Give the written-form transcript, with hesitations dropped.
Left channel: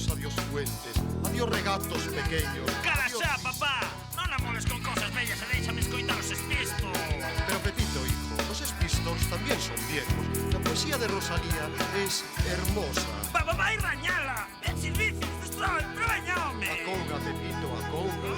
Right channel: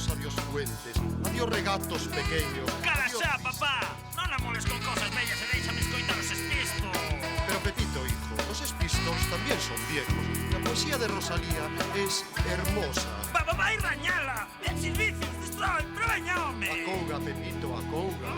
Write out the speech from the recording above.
ríos, adiós fuentes, adiós regatos pequeños. Cala adiós... xa, papá! Non amoles con cosas bellas e déixame escoitar os espistos. Pero Pepito, hijo, los espistos también son viejos. La poesía de Rosalía es hermosa. Vai rañala! Ben servicios, destrói, pero veña, home! Acouga, Pepito, acouga.